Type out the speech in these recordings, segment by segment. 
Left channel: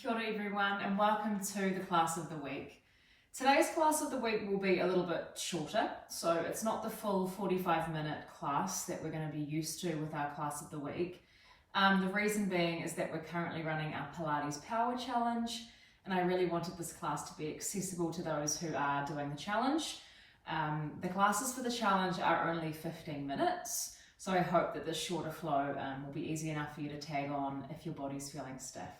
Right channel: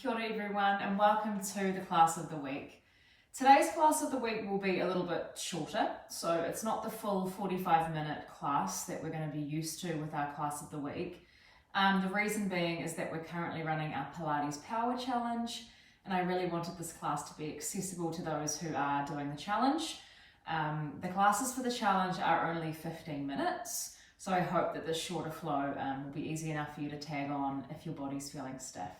Kia ora everyone and welcome to the class of the week. Today's class of the week will be a little bit shorter, so it's not the full 45-minute class that we're going to be used to with our class of the week. The reason being is that we're currently running our Pilates Power Challenge, and I really wanted this class to be accessible to those who are doing the challenge. The classes for the challenge are only 15 minutes, so I hope that this shorter flow will be easy enough for you to tag on if your body's feeling stiff.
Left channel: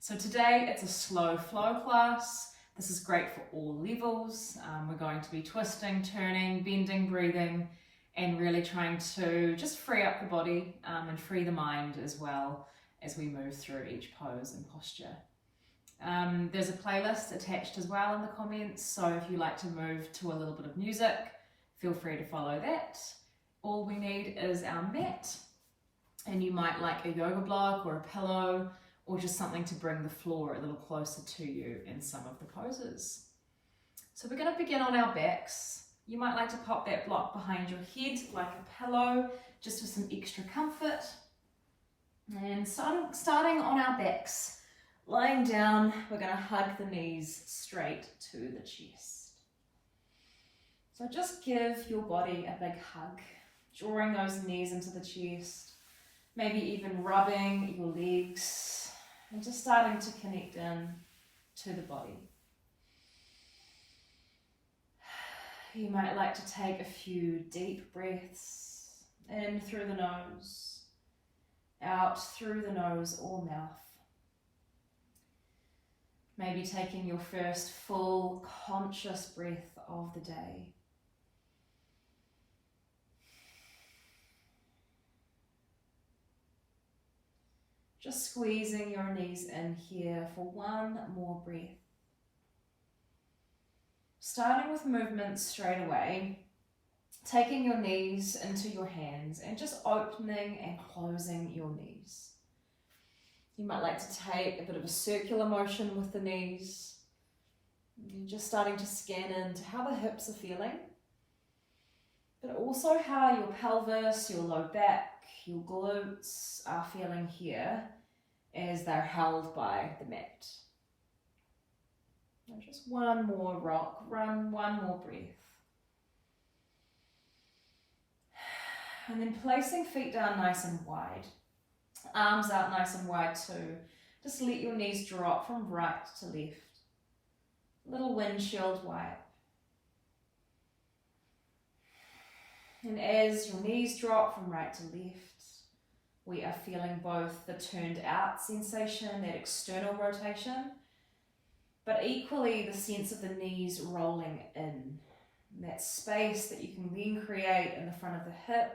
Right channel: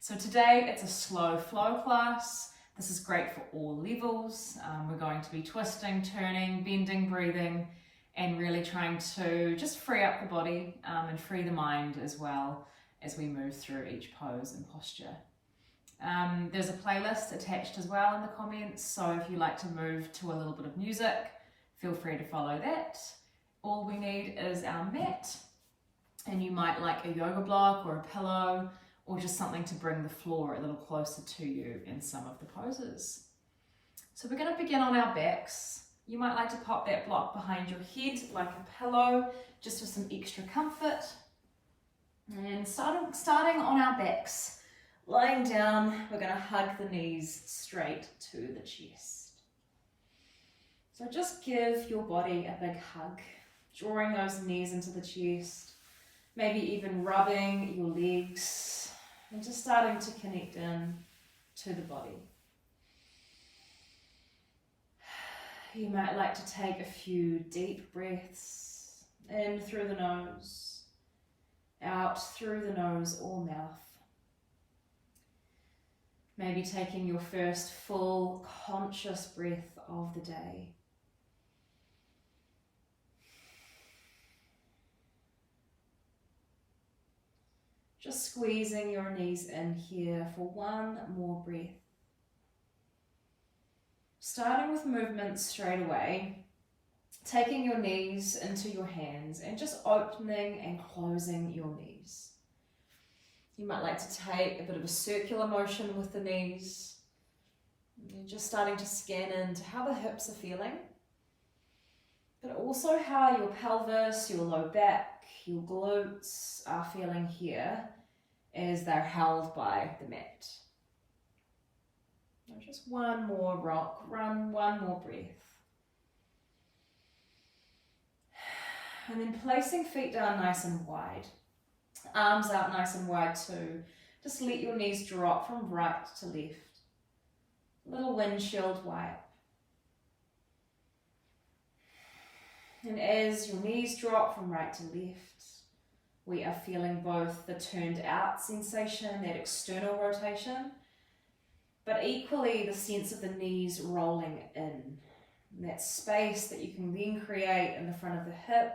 So today it's a slow flow class. This is great for all levels. We're going to be twisting, turning, bending, breathing, and really trying to just free up the body and free the mind as well as we move through each pose and posture. There's a playlist attached as well in the comments, so if you like to move to a little bit of music, feel free to follow that. All we need is our mat, and you might like a yoga block or a pillow, or just something to bring the floor a little closer to you in some of the poses. So we're going to begin on our backs. You might like to pop that block behind your head like a pillow, just for some extra comfort. And starting on our backs, lying down, we're going to hug the knees straight to the chest. So just give your body a big hug, drawing those knees into the chest, maybe even rubbing your legs, and just starting to connect in to the body. You might like to take a few deep breaths in through the nose, out through the nose or mouth. Maybe taking your first full conscious breath of the day. Just squeezing your knees in here for one more breath. Starting with movement straight away, taking your knees into your hands and just opening and closing your knees. You might like to take a bit of a circular motion with the knees. You're just starting to scan into how the hips are feeling, but also how your pelvis, your low back, your glutes are feeling here as they're held by the mat. Now just one more rock, one more breath. And then placing feet down nice and wide. Arms out nice and wide too. Just let your knees drop from right to left. Little windshield wipe. And as your knees drop from right to left, we are feeling both the turned out sensation, that external rotation, but equally the sense of the knees rolling in. And that space that you can then create in the front of the hip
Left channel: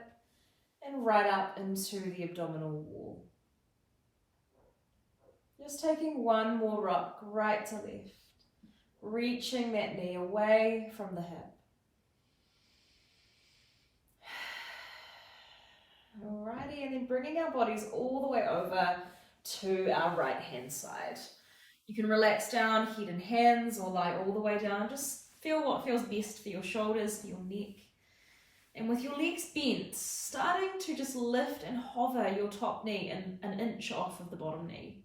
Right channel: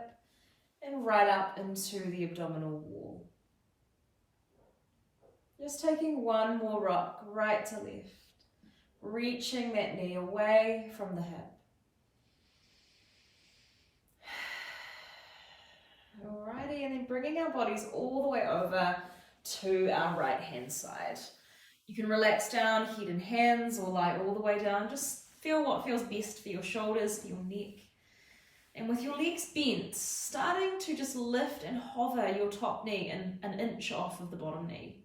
and right up into the abdominal wall. Just taking one more rock right to left, reaching that knee away from the hip. Alrighty, and then bringing our bodies all the way over to our right hand side. You can relax down, head and hands, or lie all the way down. Just feel what feels best for your shoulders, for your neck. And with your legs bent, starting to just lift and hover your top knee an inch off of the bottom knee.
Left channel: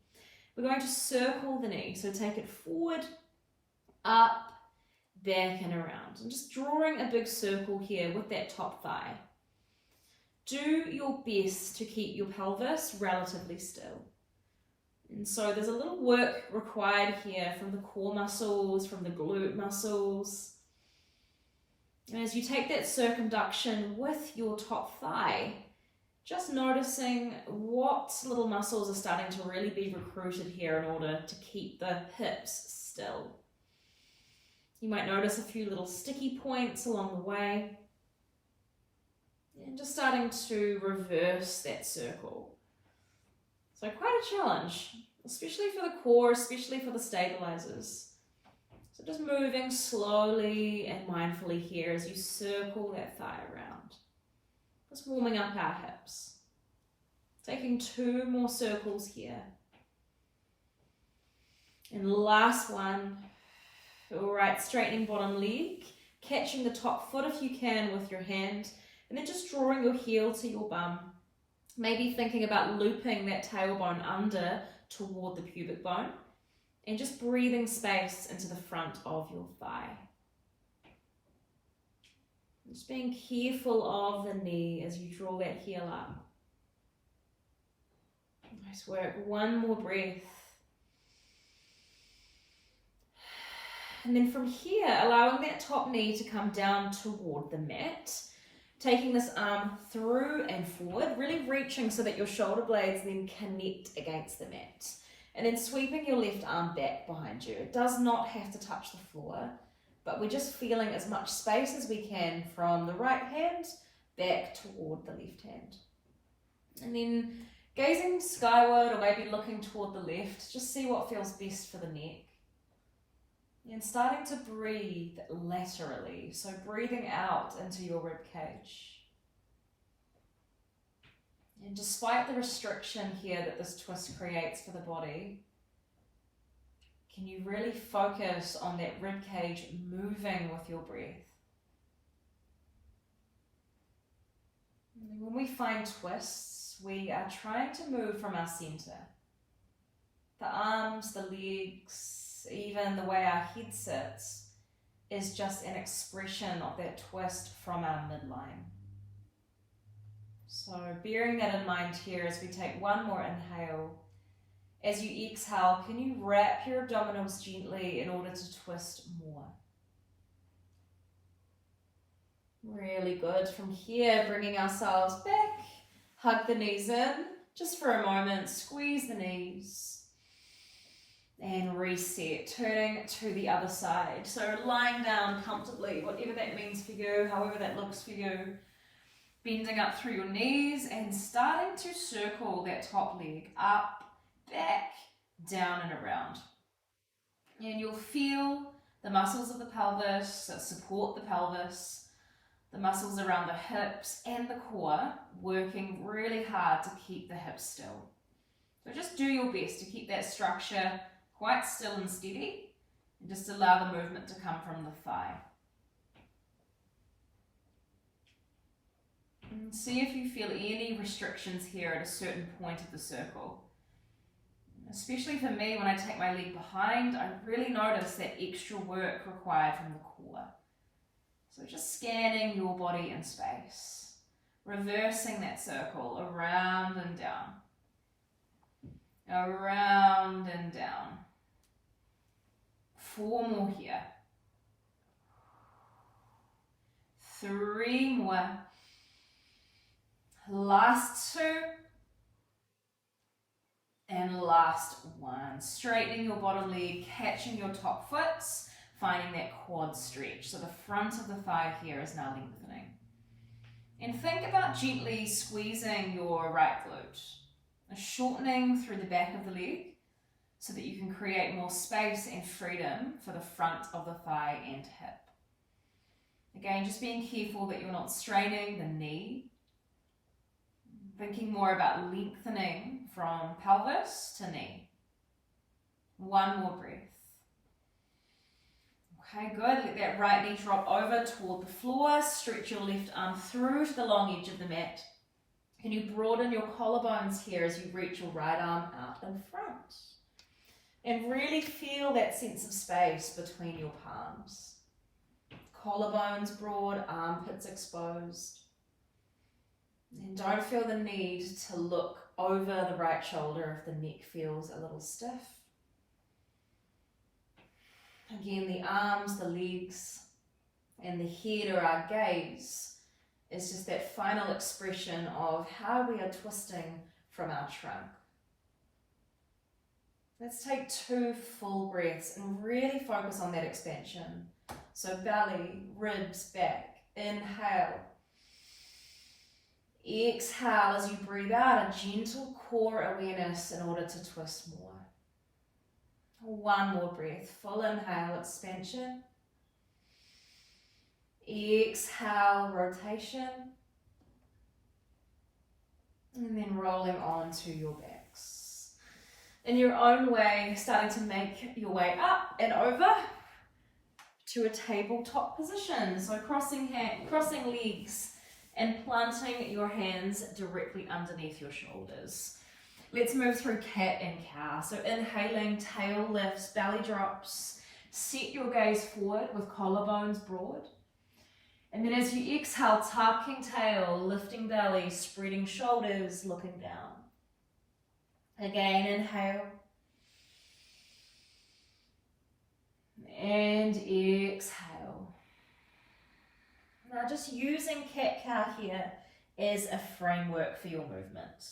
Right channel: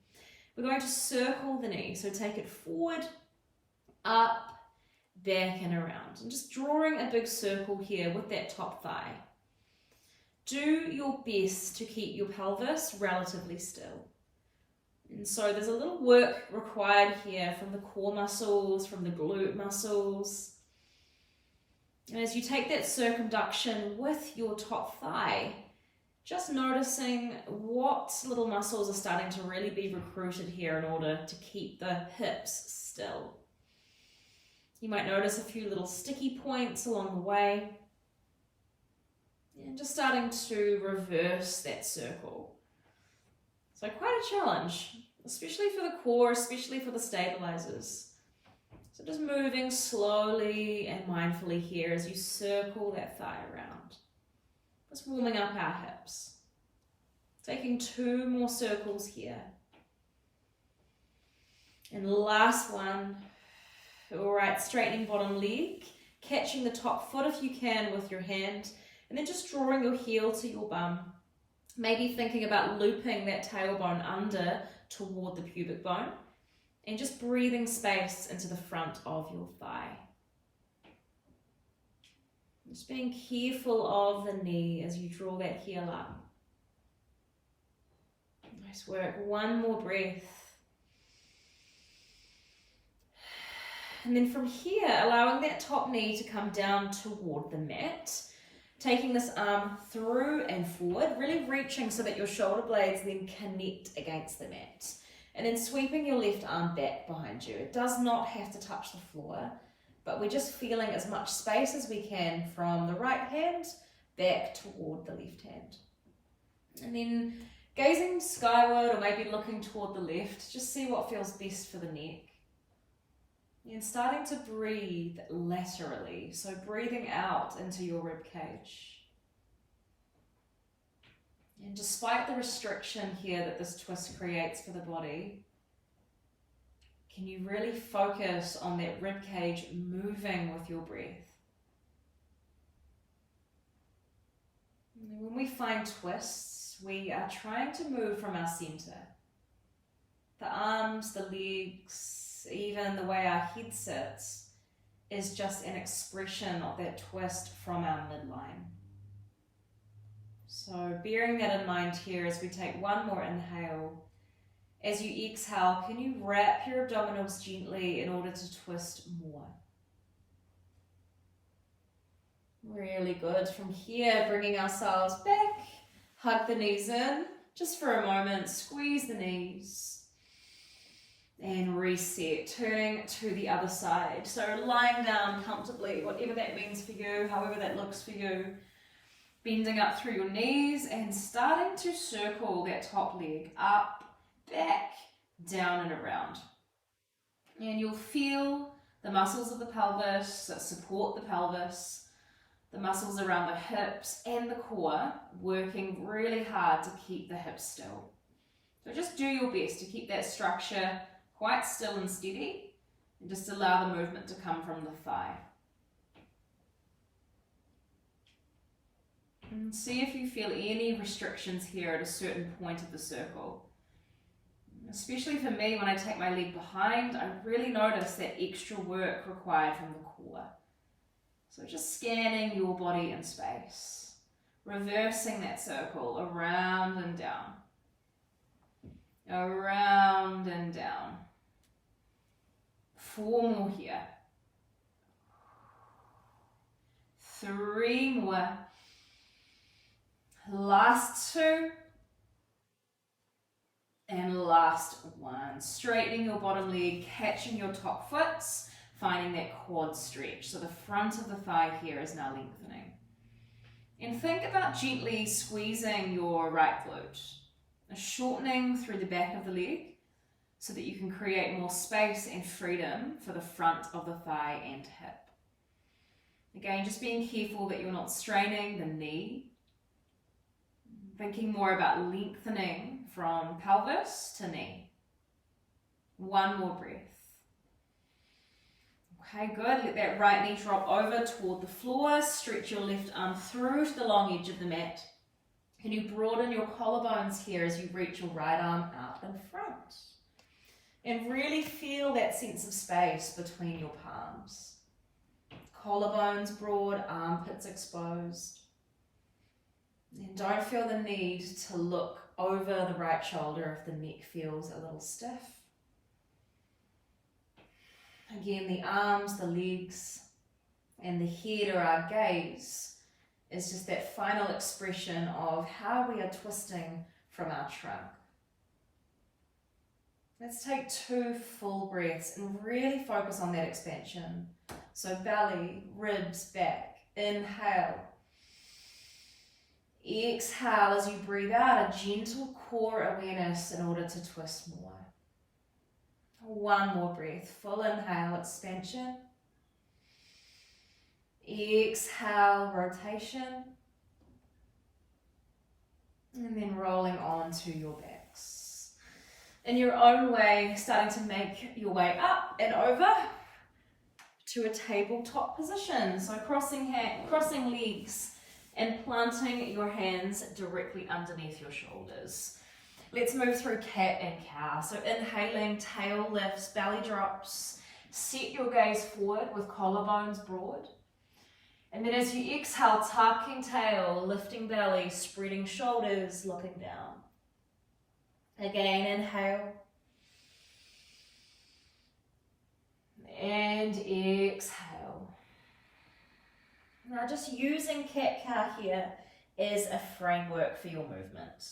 We're going to circle the knee, so take it forward, up, back and around. And just drawing a big circle here with that top thigh. Do your best to keep your pelvis relatively still. And so there's a little work required here from the core muscles, from the glute muscles. And as you take that circumduction with your top thigh, just noticing what little muscles are starting to really be recruited here in order to keep the hips still. You might notice a few little sticky points along the way. And just starting to reverse that circle. So quite a challenge, especially for the core, especially for the stabilizers. So just moving slowly and mindfully here as you circle that thigh around. Just warming up our hips. Taking two more circles here. And last one. All right, straightening bottom leg, catching the top foot if you can with your hand. And then just drawing your heel to your bum. Maybe thinking about looping that tailbone under toward the pubic bone, and just breathing space into the front of your thigh. Just being careful of the knee as you draw that heel up. Nice work. One more breath. And then from here, allowing that top knee to come down toward the mat, taking this arm through and forward, really reaching so that your shoulder blades then connect against the mat. And then sweeping your left arm back behind you. It does not have to touch the floor, but we're just feeling as much space as we can from the right hand back toward the left hand. And then gazing skyward or maybe looking toward the left, just see what feels best for the neck. And starting to breathe laterally, so breathing out into your rib cage. And despite the restriction here that this twist creates for the body, can you really focus on that rib cage moving with your breath? And when we find twists, we are trying to move from our center. The arms, the legs, even the way our head sits is just an expression of that twist from our midline. So bearing that in mind here as we take one more inhale, as you exhale, can you wrap your abdominals gently in order to twist more? Really good. From here, bringing ourselves back, hug the knees in, just for a moment, squeeze the knees. And reset, turning to the other side. So lying down comfortably, whatever that means for you, however that looks for you. Bending up through your knees and starting to circle that top leg up, back, down and around. And you'll feel the muscles of the pelvis that support the pelvis, the muscles around the hips and the core working really hard to keep the hips still. So just do your best to keep that structure quite still and steady, and just allow the movement to come from the thigh. And see if you feel any restrictions here at a certain point of the circle. Especially for me, when I take my leg behind, I really notice that extra work required from the core. So just scanning your body in space, reversing that circle around and down, around and down. 4 more here. 3 more. Last 2. And last 1. Straightening your bottom leg, catching your top foot, finding that quad stretch. So the front of the thigh here is now lengthening. And think about gently squeezing your right glute, shortening through the back of the leg, so that you can create more space and freedom for the front of the thigh and hip. Again, just being careful that you're not straining the knee. Thinking more about lengthening from pelvis to knee. 1 more breath. Okay, good. Let that right knee drop over toward the floor. Stretch your left arm through to the long edge of the mat. Can you broaden your collarbones here as you reach your right arm out in front? And really feel that sense of space between your palms. Collarbones broad, armpits exposed. And don't feel the need to look over the right shoulder if the neck feels a little stiff. Again, the arms, the legs, and the head or our gaze is just that final expression of how we are twisting from our trunk. Let's take 2 full breaths and really focus on that expansion. So belly, ribs, back. Inhale. Exhale as you breathe out, a gentle core awareness in order to twist more. 1 more breath. Full inhale, expansion. Exhale, rotation. And then rolling on to your backs. In your own way, starting to make your way up and over to a tabletop position. So crossing legs and planting your hands directly underneath your shoulders. Let's move through cat and cow. So inhaling, tail lifts, belly drops. Set your gaze forward with collarbones broad. And then as you exhale, tucking tail, lifting belly, spreading shoulders, looking down. Again, inhale. And exhale. Now just using cat-cow here as a framework for your movement.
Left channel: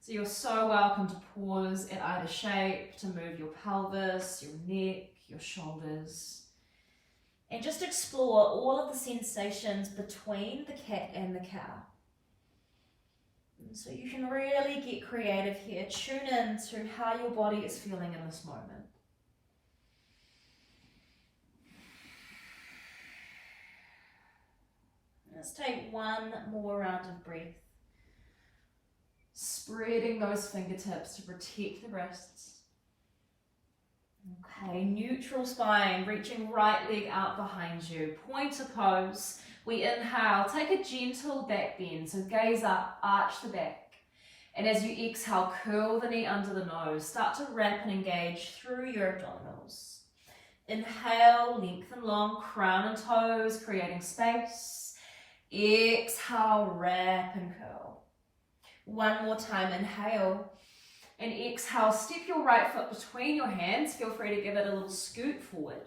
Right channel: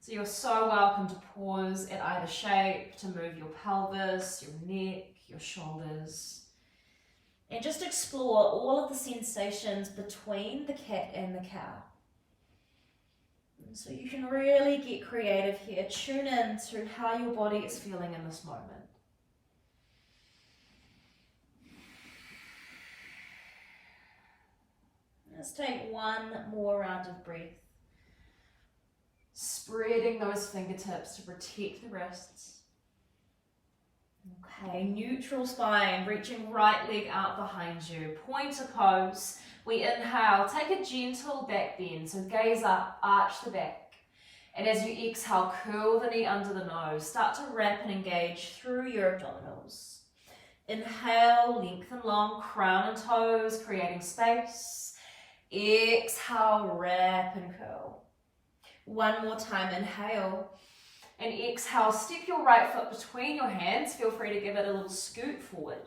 So you're so welcome to pause at either shape to move your pelvis, your neck, your shoulders. And just explore all of the sensations between the cat and the cow. And so you can really get creative here. Tune in to how your body is feeling in this moment. Let's take one more round of breath. Spreading those fingertips to protect the wrists. Okay, neutral spine, reaching right leg out behind you. Pointer pose. We inhale, take a gentle back bend. So gaze up, arch the back. And as you exhale, curl the knee under the nose. Start to wrap and engage through your abdominals. Inhale, lengthen long, crown and toes, creating space. Exhale, wrap and curl. One more time, inhale. And exhale, step your right foot between your hands. Feel free to give it a little scoot forward.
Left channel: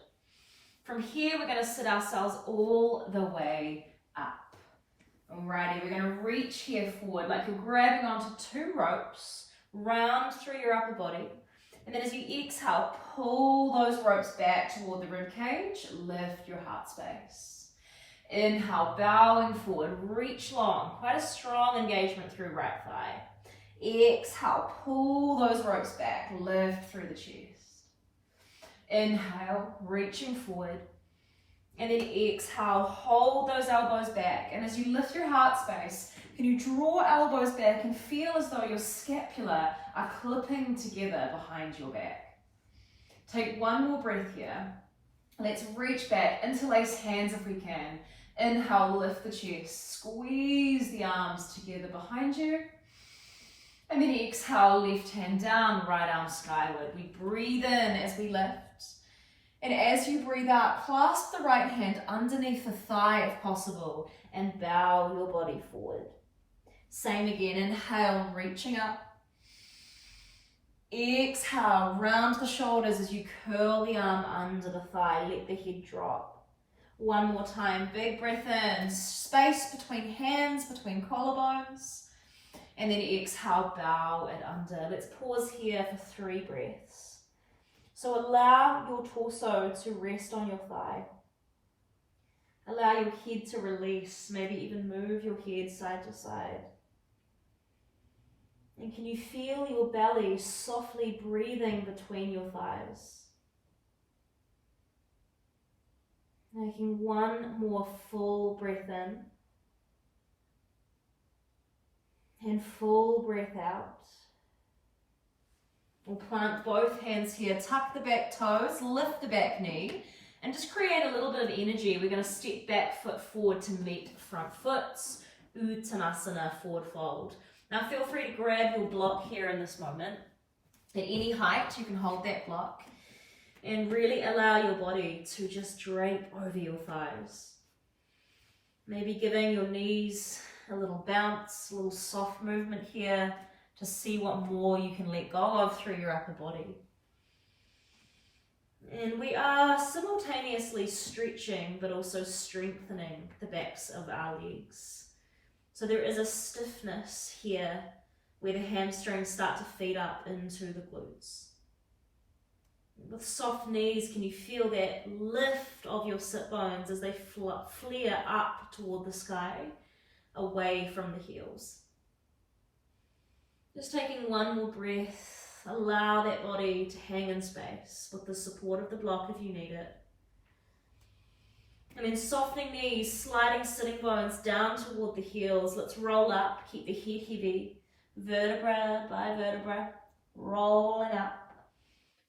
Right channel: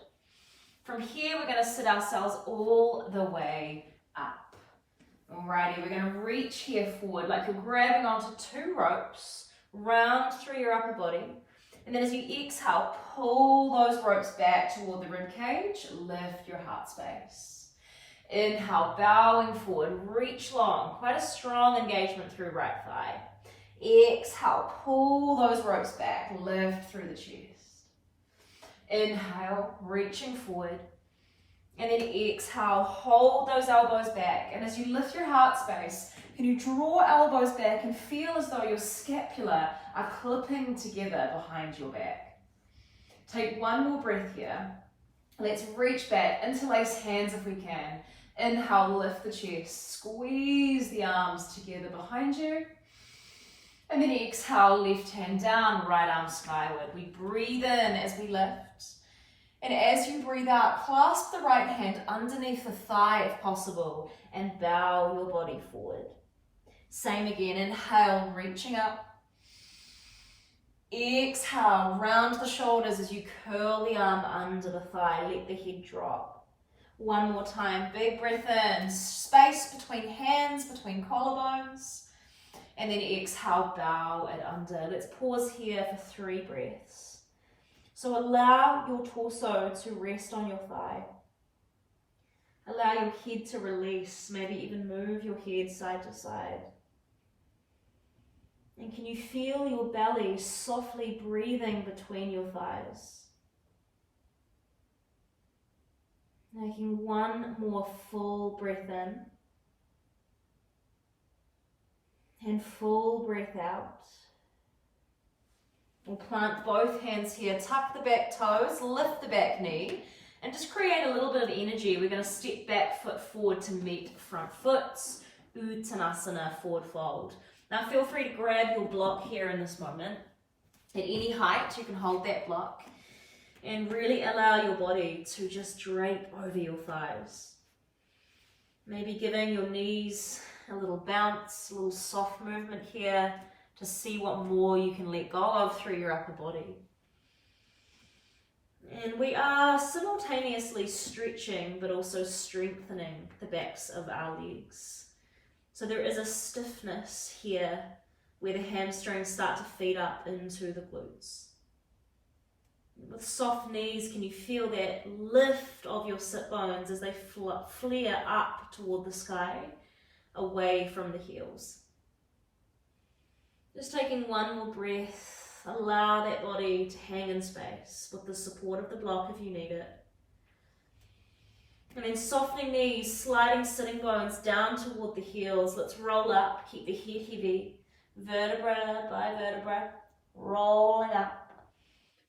From here, we're going to sit ourselves all the way up. Alrighty, we're going to reach here forward like you're grabbing onto two ropes, round through your upper body. And then as you exhale, pull those ropes back toward the rib cage, lift your heart space. Inhale, bowing forward, reach long, quite a strong engagement through right thigh. Exhale, pull those ropes back, lift through the chest. Inhale, reaching forward. And then exhale, hold those elbows back. And as you lift your heart space, can you draw elbows back and feel as though your scapula are clipping together behind your back. Take one more breath here. Let's reach back, interlace hands if we can. Inhale, lift the chest, squeeze the arms together behind you. And then exhale, left hand down, right arm skyward. We breathe in as we lift. And as you breathe out, clasp the right hand underneath the thigh if possible and bow your body forward. Same again, inhale, reaching up. Exhale, round the shoulders as you curl the arm under the thigh, let the head drop. One more time, big breath in, space between hands, between collarbones. And then exhale, bow it under. Let's pause here for 3 breaths. So allow your torso to rest on your thigh. Allow your head to release, maybe even move your head side to side. And can you feel your belly softly breathing between your thighs? Making one more full breath in. And full breath out. We'll plant both hands here, tuck the back toes, lift the back knee, and just create a little bit of energy. We're going to step back foot forward to meet front foot, Uttanasana, forward fold. Now feel free to grab your block here in this moment. At any height, you can hold that block and really allow your body to just drape over your thighs. Maybe giving your knees a little bounce, a little soft movement here to see what more you can let go of through your upper body. And we are simultaneously stretching but also strengthening the backs of our legs. So there is a stiffness here where the hamstrings start to feed up into the glutes. With soft knees, can you feel that lift of your sit bones as they flare up toward the sky, away from the heels? Just taking one more breath, allow that body to hang in space with the support of the block if you need it. And then softening knees, sliding sitting bones down toward the heels. Let's roll up, keep the head heavy, vertebra by vertebra, rolling up.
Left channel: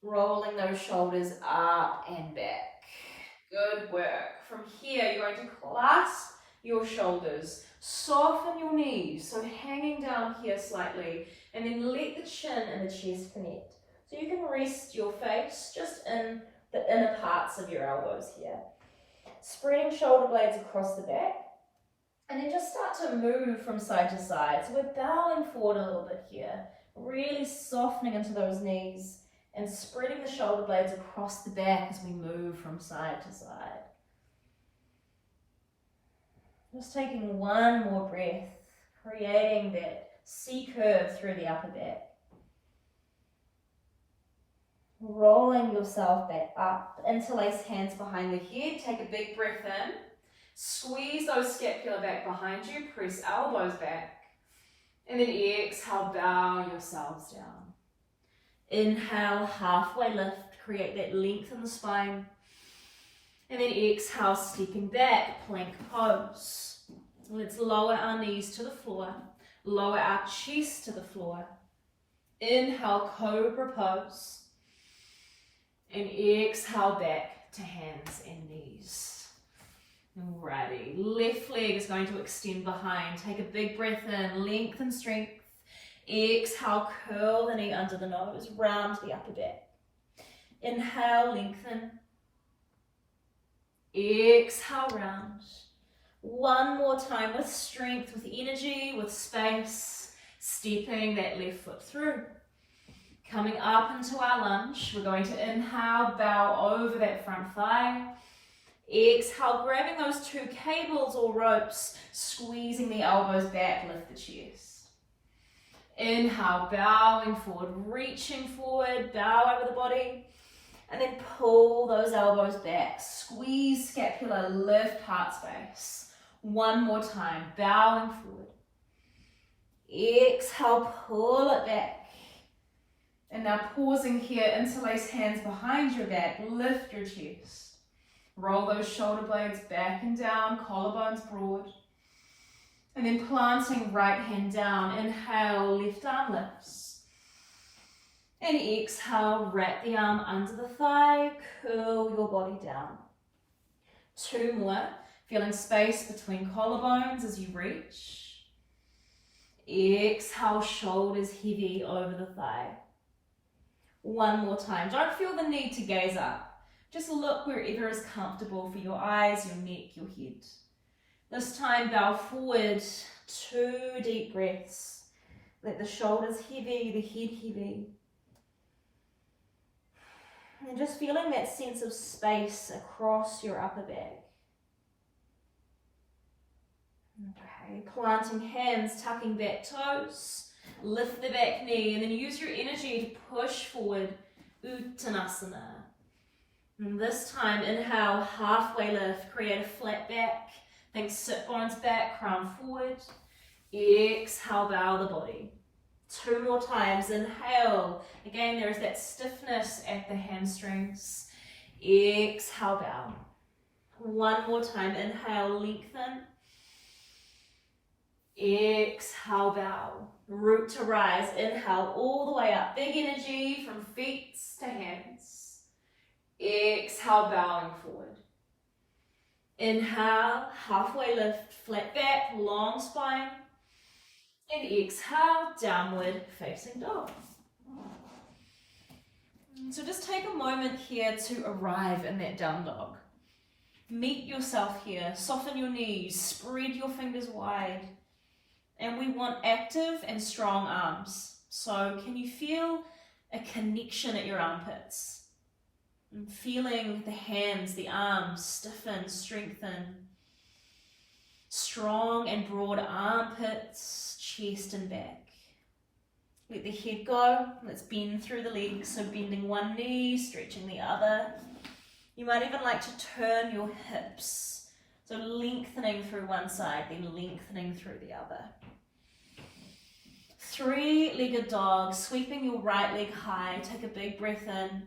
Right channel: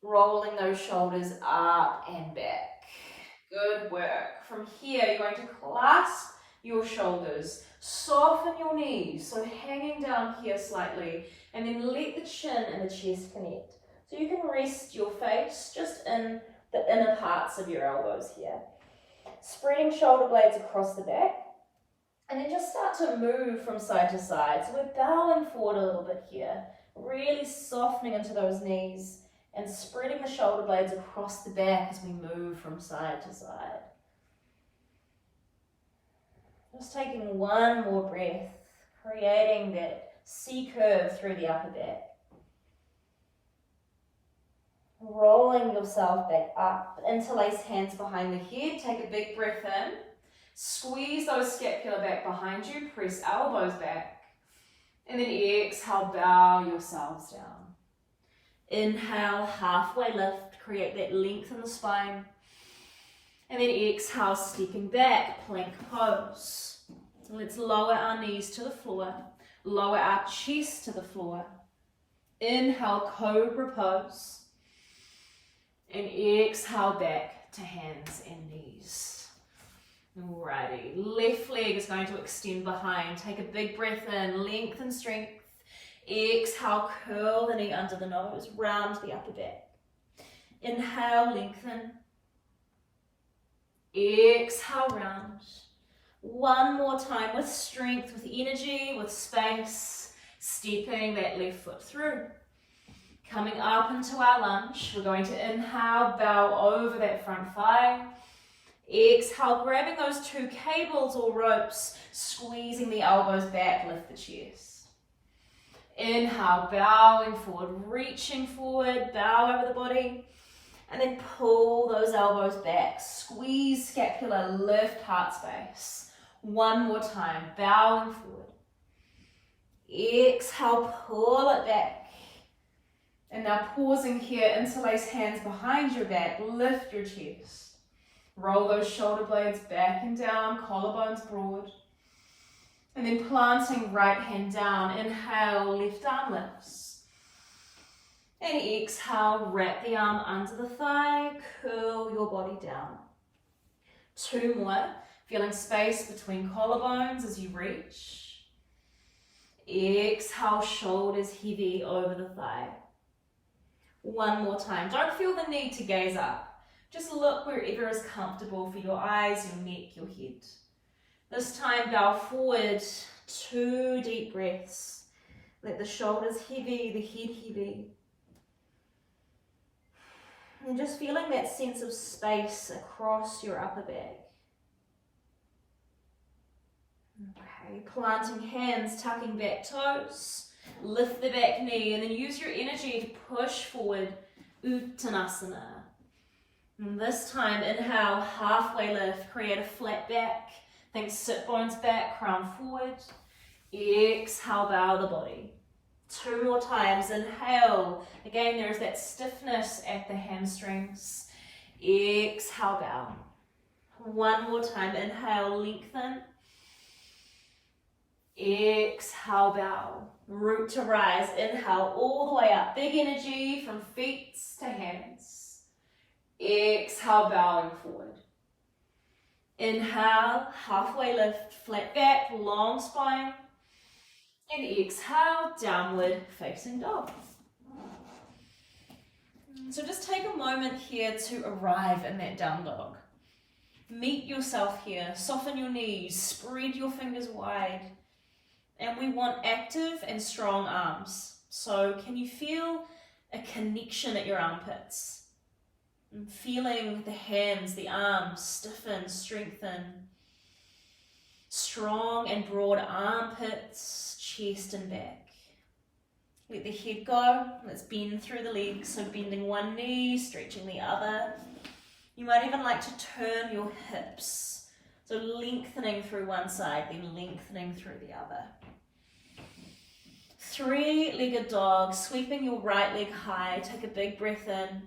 Rolling those shoulders up and back. Good work. From here, you're going to clasp your shoulders. Soften your knees, so hanging down here slightly, and then let the chin and the chest connect. So you can rest your face just in the inner parts of your elbows here. Spreading shoulder blades across the back, and then just start to move from side to side. So we're bowing forward a little bit here, really softening into those knees and spreading the shoulder blades across the back as we move from side to side. Just taking one more breath, creating that C curve through the upper back. Rolling yourself back up, interlace hands behind the head, take a big breath in, squeeze those scapula back behind you, press elbows back, and then exhale, bow yourselves down. Inhale, halfway lift, create that length in the spine, and then exhale, stepping back, plank pose. Let's lower our knees to the floor, lower our chest to the floor. Inhale, cobra pose. And exhale back to hands and knees. Alrighty, left leg is going to extend behind. Take a big breath in, length and strength. Exhale, curl the knee under the nose, round the upper back. Inhale, lengthen. Exhale, round. One more time with strength, with energy, with space. Stepping that left foot through. Coming up into our lunge, we're going to inhale, bow over that front thigh. Exhale, grabbing those two cables or ropes, squeezing the elbows back, lift the chest. Inhale, bowing forward, reaching forward, bow over the body. And then pull those elbows back, squeeze scapula, lift heart space. One more time, bowing forward. Exhale, pull it back. And now pausing here, interlace hands behind your back, lift your chest. Roll those shoulder blades back and down, collarbones broad. And then planting right hand down, inhale, left arm lifts. And exhale, wrap the arm under the thigh, curl your body down. Two more, feeling space between collarbones as you reach. Exhale, shoulders heavy over the thigh. One more time. Don't feel the need to gaze up. Just look wherever is comfortable for your eyes, your neck, your head. This time, bow forward, 2 deep breaths. Let the shoulders heavy, the head heavy. And just feeling that sense of space across your upper back. Okay, planting hands, tucking back toes. Lift the back knee and then use your energy to push forward, Uttanasana. And this time, inhale, halfway lift, create a flat back. Think sit bones back, crown forward. Exhale, bow the body. 2 more times, inhale. Again, there's that stiffness at the hamstrings. Exhale, bow. 1 more time, inhale, lengthen. Exhale, bow. Root to rise, inhale all the way up. Big energy from feet to hands. Exhale, bowing forward. Inhale, halfway lift, flat back, long spine. And exhale, downward facing dog. So just take a moment here to arrive in that down dog. Meet yourself here, soften your knees, spread your fingers wide. And we want active and strong arms. So can you feel a connection at your armpits? And feeling the hands, the arms stiffen, strengthen. Strong and broad armpits, chest and back. Let the head go. Let's bend through the legs. So bending one knee, stretching the other. You might even like to turn your hips. So lengthening through one side, then lengthening through the other. 3-legged dog, sweeping your right leg high. Take a big breath in.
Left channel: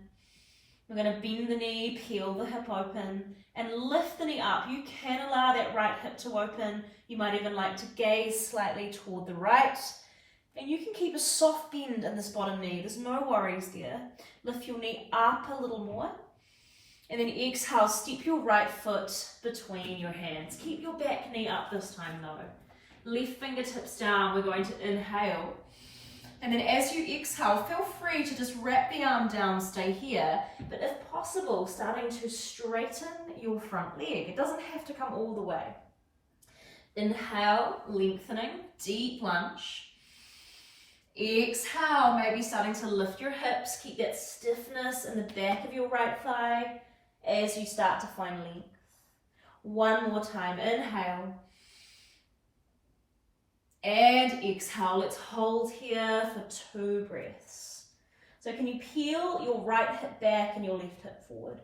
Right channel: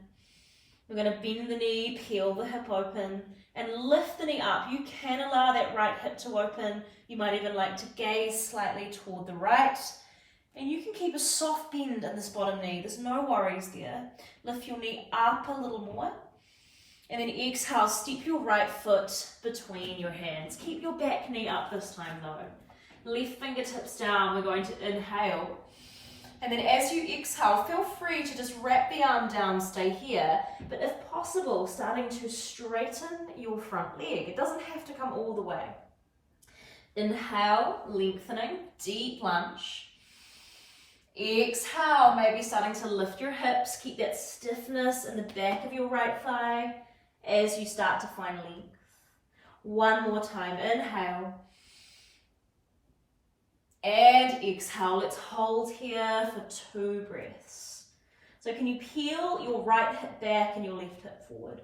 We're going to bend the knee, peel the hip open, and lift the knee up. You can allow that right hip to open. You might even like to gaze slightly toward the right. And you can keep a soft bend in this bottom knee. There's no worries there. Lift your knee up a little more. And then exhale, step your right foot between your hands. Keep your back knee up this time though. Left fingertips down, we're going to inhale. And then as you exhale, feel free to just wrap the arm down, stay here. But if possible, starting to straighten your front leg. It doesn't have to come all the way. Inhale, lengthening, deep lunge. Exhale, maybe starting to lift your hips. Keep that stiffness in the back of your right thigh as you start to find length. One more time, inhale. And exhale, let's hold here for 2 breaths. So can you peel your right hip back and your left hip forward?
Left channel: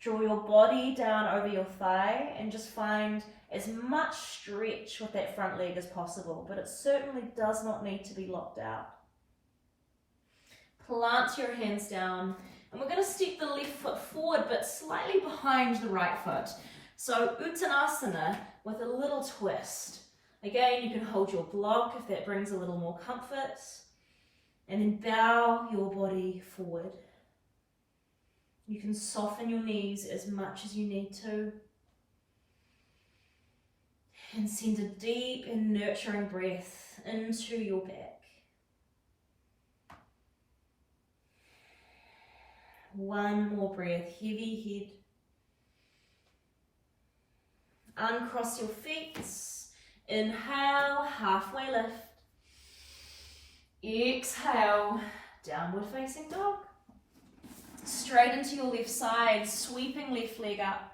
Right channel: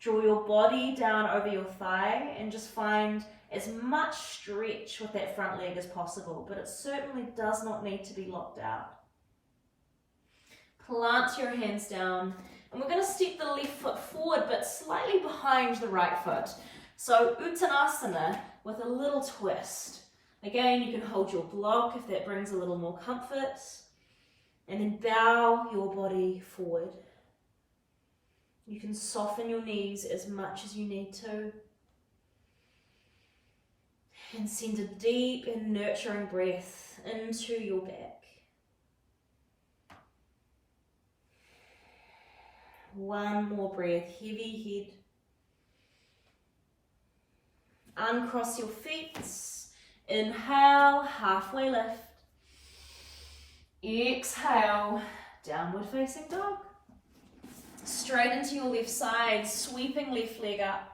Draw your body down over your thigh and just find as much stretch with that front leg as possible, but it certainly does not need to be locked out. Plant your hands down, and we're going to step the left foot forward, but slightly behind the right foot. So Uttanasana with a little twist. Again, you can hold your block if that brings a little more comfort, and then bow your body forward. You can soften your knees as much as you need to. And send a deep and nurturing breath into your back. One more breath, heavy head. Uncross your feet. Inhale, halfway lift. Exhale, downward facing dog. Straight into your left side, sweeping left leg up.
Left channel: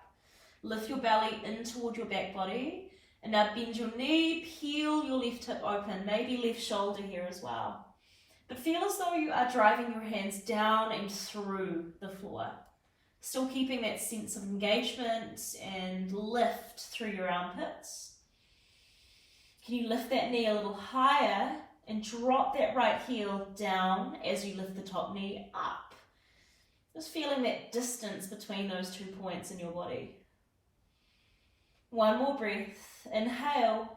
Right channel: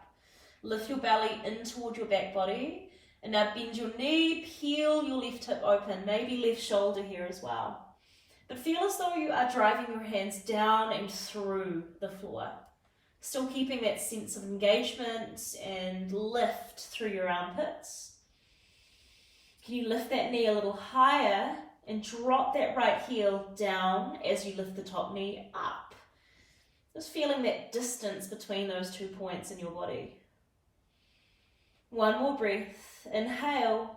Lift your belly in toward your back body. And now bend your knee, peel your left hip open, maybe left shoulder here as well. But feel as though you are driving your hands down and through the floor. Still keeping that sense of engagement and lift through your armpits. Can you lift that knee a little higher and drop that right heel down as you lift the top knee up? Just feeling that distance between those 2 points in your body. One more breath. Inhale,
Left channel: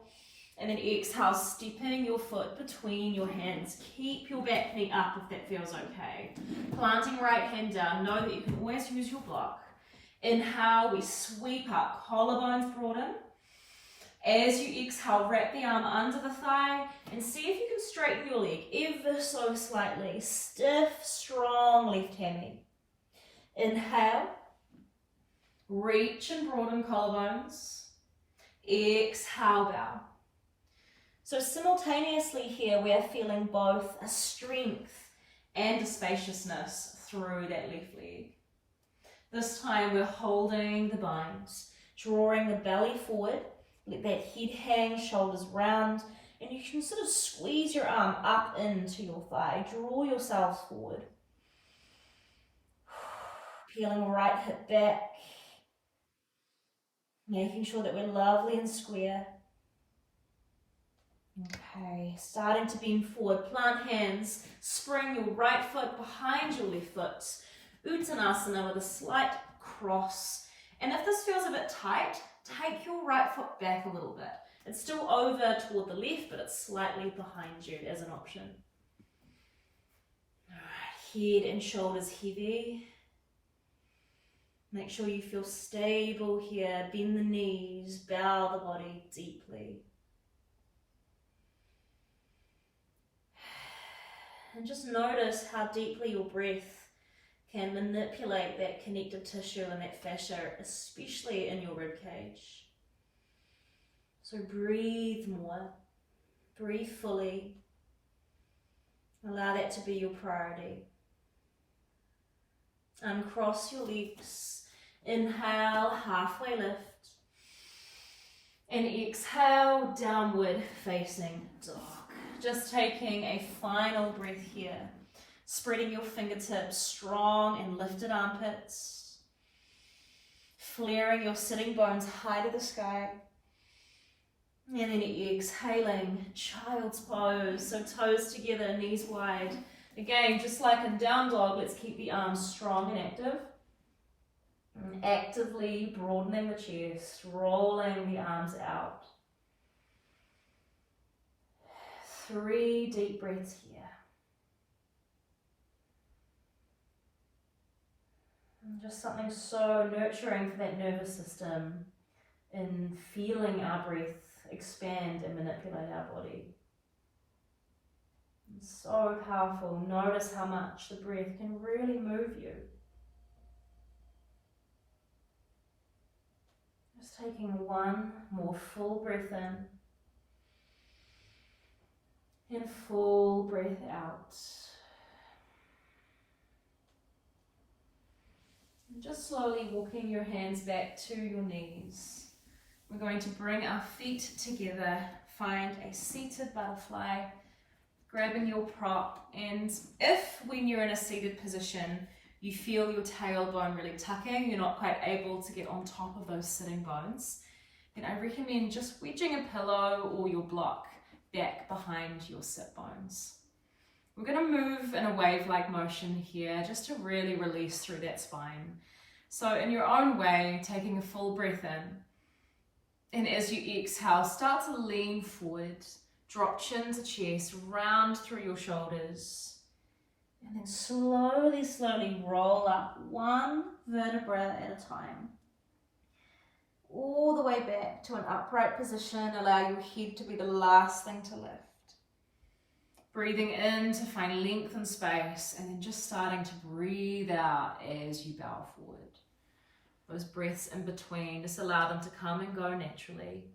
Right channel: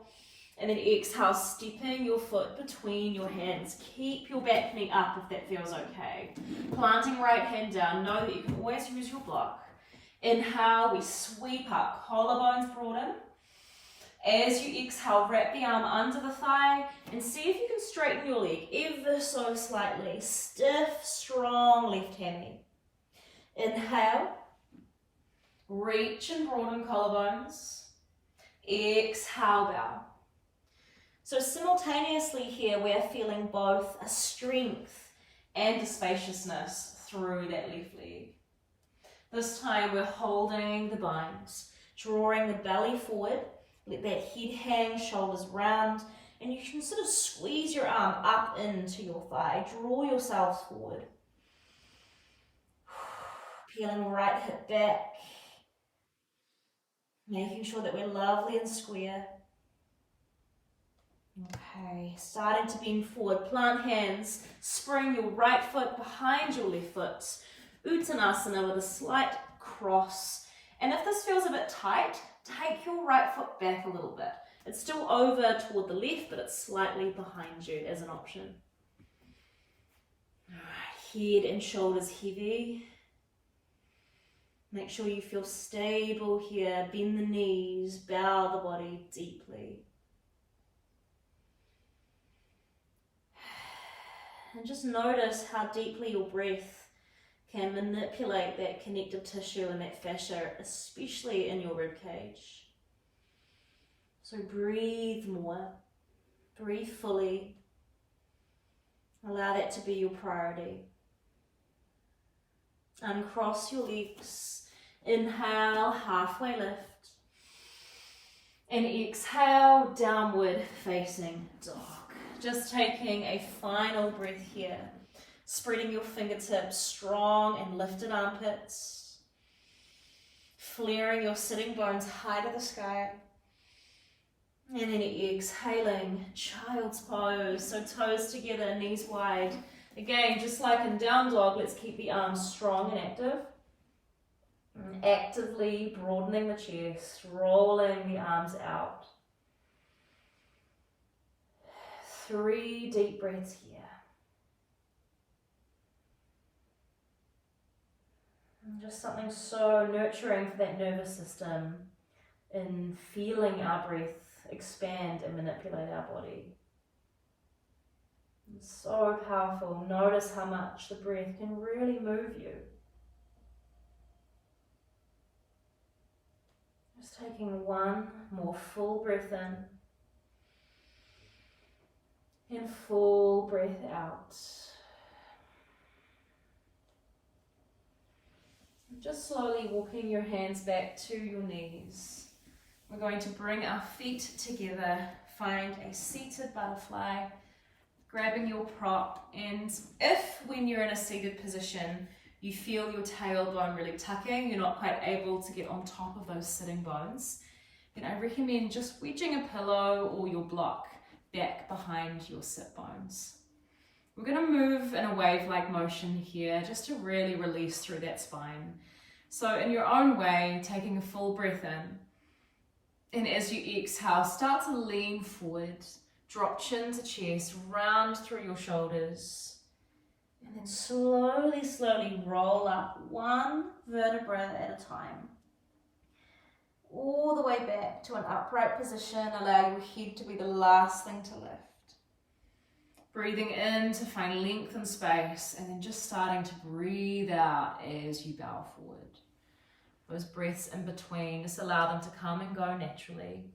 and then exhale, stepping your foot between your hands. Keep your back knee up if that feels okay. Planting right hand down. Know that you can always use your block. Inhale, we sweep up, collarbones broaden. As you exhale, wrap the arm under the thigh and see if you can straighten your leg ever so slightly. Stiff, strong left hammy. Inhale, reach and broaden collarbones. Exhale, bow. So simultaneously here we are feeling both a strength and a spaciousness through that left leg. This time we're holding the bones, drawing the belly forward, let that head hang, shoulders round, and you can sort of squeeze your arm up into your thigh, draw yourselves forward. Peeling right hip back. Making sure that we're lovely and square. Okay, starting to bend forward. Plant hands, spring your right foot behind your left foot. Uttanasana with a slight cross. And if this feels a bit tight, take your right foot back a little bit. It's still over toward the left, but it's slightly behind you as an option. All right, head and shoulders heavy. Make sure you feel stable here. Bend the knees, bow the body deeply. And just notice how deeply your breath can manipulate that connective tissue and that fascia, especially in your rib cage. So breathe more. Breathe fully. Allow that to be your priority. Uncross your legs. Inhale, halfway lift. And exhale, downward facing dog. Just taking a final breath here. Spreading your fingertips, strong and lifted armpits. Flaring your sitting bones high to the sky. And then exhaling, child's pose. So toes together, knees wide. Again, just like in down dog, let's keep the arms strong and active. And actively broadening the chest, rolling the arms out. 3 deep breaths here. Just something so nurturing for that nervous system in feeling our breath expand and manipulate our body. It's so powerful. Notice how much the breath can really move you. Just taking one more full breath in and full breath out. And just slowly walking your hands back to your knees. We're going to bring our feet together, find a seated butterfly, grabbing your prop, and if when you're in a seated position you feel your tailbone really tucking, you're not quite able to get on top of those sitting bones, then I recommend just wedging a pillow or your block back behind your sit bones. We're going to move in a wave-like motion here just to really release through that spine. So in your own way, taking a full breath in, and as you exhale, start to lean forward, drop chin to chest, round through your shoulders, and then slowly roll up one vertebra at a time. All the way back to an upright position, allow your head to be the last thing to lift. Breathing in to find length and space, and then just starting to breathe out as you bow forward. Those breaths in between, just allow them to come and go naturally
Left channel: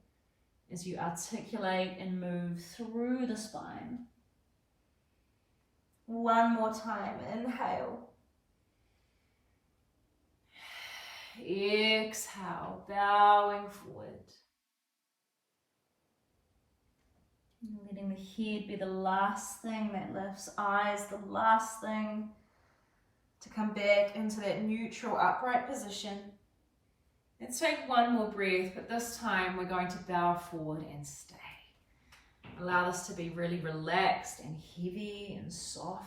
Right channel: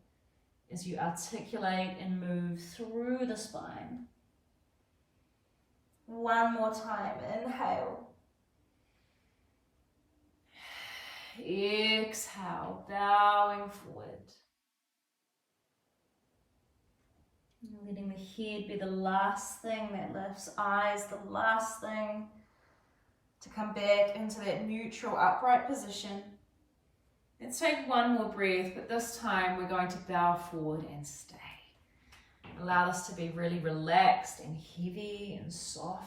as you articulate and move through the spine. One more time, inhale. Exhale, bowing forward. And letting the head be the last thing that lifts, eyes the last thing to come back into that neutral upright position. Let's take one more breath, but this time we're going to bow forward and stay. Allow this to be really relaxed and heavy and soft.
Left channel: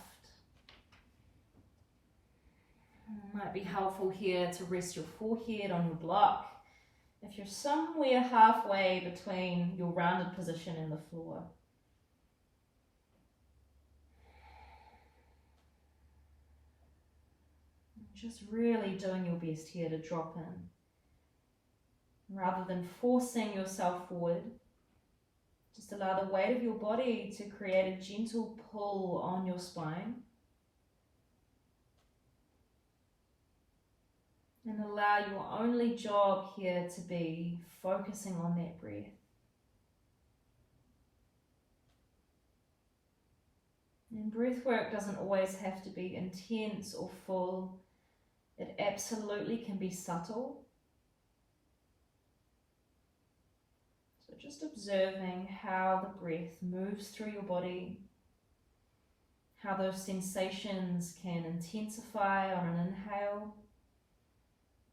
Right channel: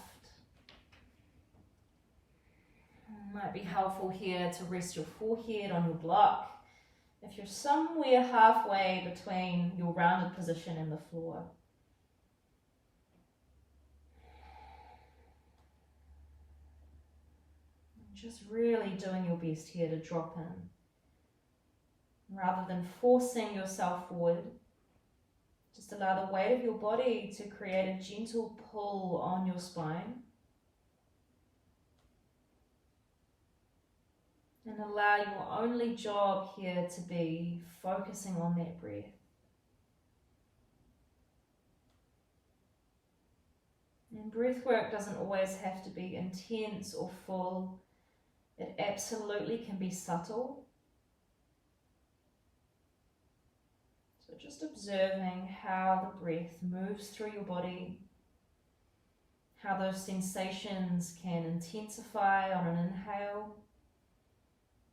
It might be helpful here to rest your forehead on your block if you're somewhere halfway between your rounded position and the floor. Just really doing your best here to drop in. Rather than forcing yourself forward, just allow the weight of your body to create a gentle pull on your spine. And allow your only job here to be focusing on that breath. And breath work doesn't always have to be intense or full. It absolutely can be subtle. So just observing how the breath moves through your body, how those sensations can intensify on an inhale.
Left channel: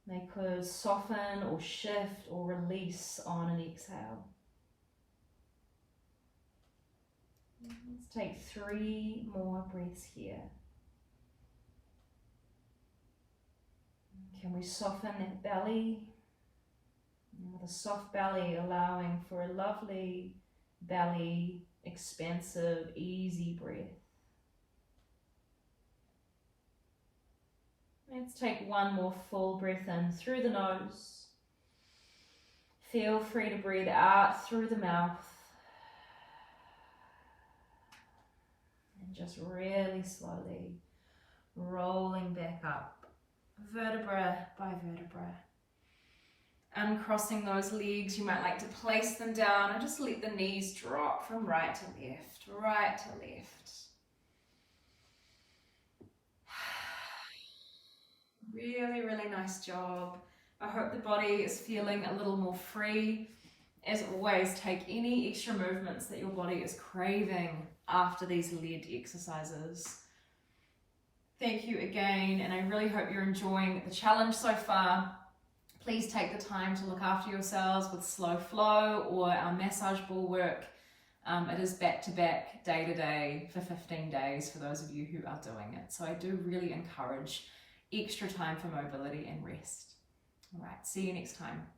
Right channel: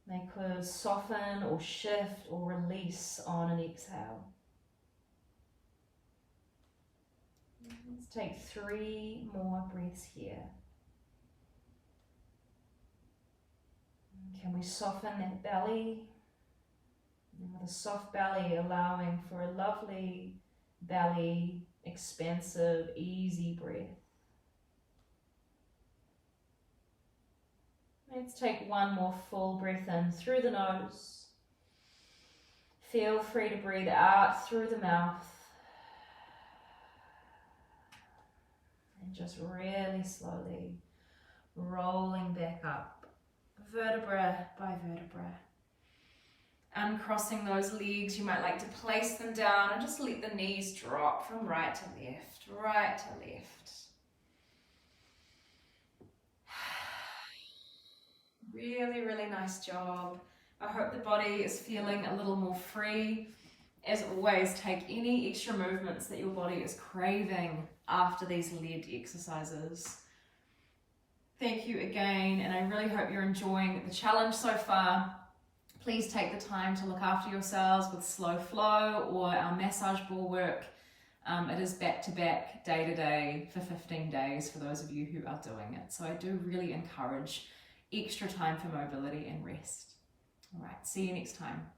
They could soften or shift or release on an exhale. Let's take 3 more breaths here. Can we soften that belly? And with a soft belly, allowing for a lovely belly, expansive, easy breath. Let's take one more full breath in through the nose. Feel free to breathe out through the mouth. And just really slowly rolling back up, vertebra by vertebra. Uncrossing those legs, you might like to place them down and just let the knees drop from right to left, right to left. Really, really nice job. I hope the body is feeling a little more free. As always, take any extra movements that your body is craving after these lead exercises. Thank you again, and I really hope you're enjoying the challenge so far. Please take the time to look after yourselves with slow flow or our massage ball work. It is back-to-back, day-to-day for 15 days for those of you who are doing it. So I do really encourage extra time for mobility and rest. All right, see you next time.